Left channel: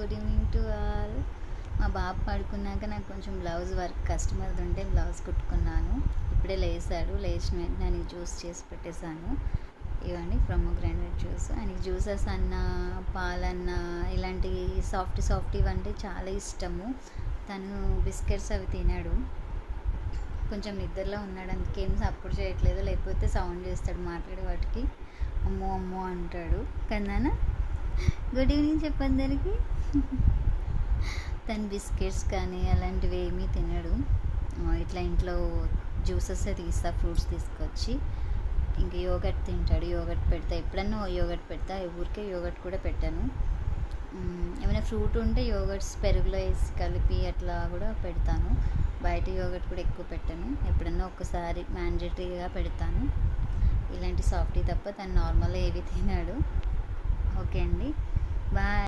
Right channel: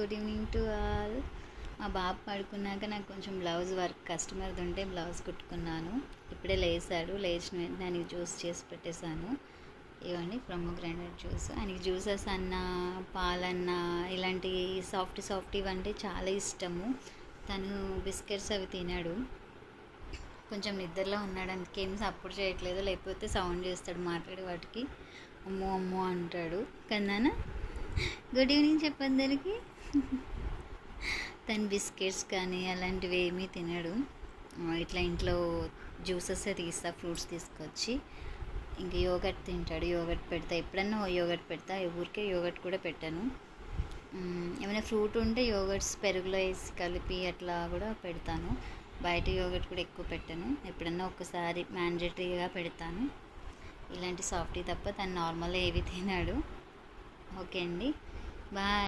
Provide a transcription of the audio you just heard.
Good evening to all. మా బాబు పడుకున్నాక నాకు కొంచెం బ్లౌజ్ వర్క్ కస్టమర్ది ఉంటే బ్లౌజ్ కుట్టుకున్నాను. ఇప్పుడే లేచాడు. లేచిన వెంటనే ఆయనకి జ్యూస్ చేసి పెట్టేశాను. ఇవ్వండి ప్రొమోగ్రానేట్ జ్యూస్. ఆయనకి జ్యూసెస్ అన్నా పాలన్నా ఇలాంటి సాఫ్ట్ అంటే చాలా ఇష్టము. తను బిస్కెట్స్ అవి తినాడు. కొంచెం నిద్రలో ఉన్నాడు, అందుకేం సపోర్ట్ చేయట్లేదు. లేకపోతే సౌండ్ చేస్తాడు మాట్లాడే వాటికి. అమ్మో అమ్మో అంటాడు. కన్నానా గుడ్ ఈవినింగ్ చెప్పండి దానికి. తను బిస్కెట్స్ కానీ అలాంటివి ఏమీ తినడు. ఇట్లా ఇంట్లో జ్యూసెస్ తీస్తా, ఫ్రూట్స్ తీసుకొచ్చి. ఇంక యోగట్ తింటాడు. యోగట్ పెడతా, ఎప్పుడన్నా యోగట్ పెడతా. ఊరికే యోగట్ కూడా పెట్టాను. ఏమైనా ఫ్రూట్ ఉంటే యోగట్స్ పెరుగులో వేసి కలిపి అట్లా కూడా పెడతాను. బయట యోగట్ కూడా ఎక్కువ పెట్టాను. ఎప్పుడన్నా ఒక్కసారి మ్యాండేటరీగా పెడతాను. ఇలాంటి సాఫ్టీ తప్ప తను నార్మల్గా ఏవి తినాడు. ఓకే అండి, బాయ్.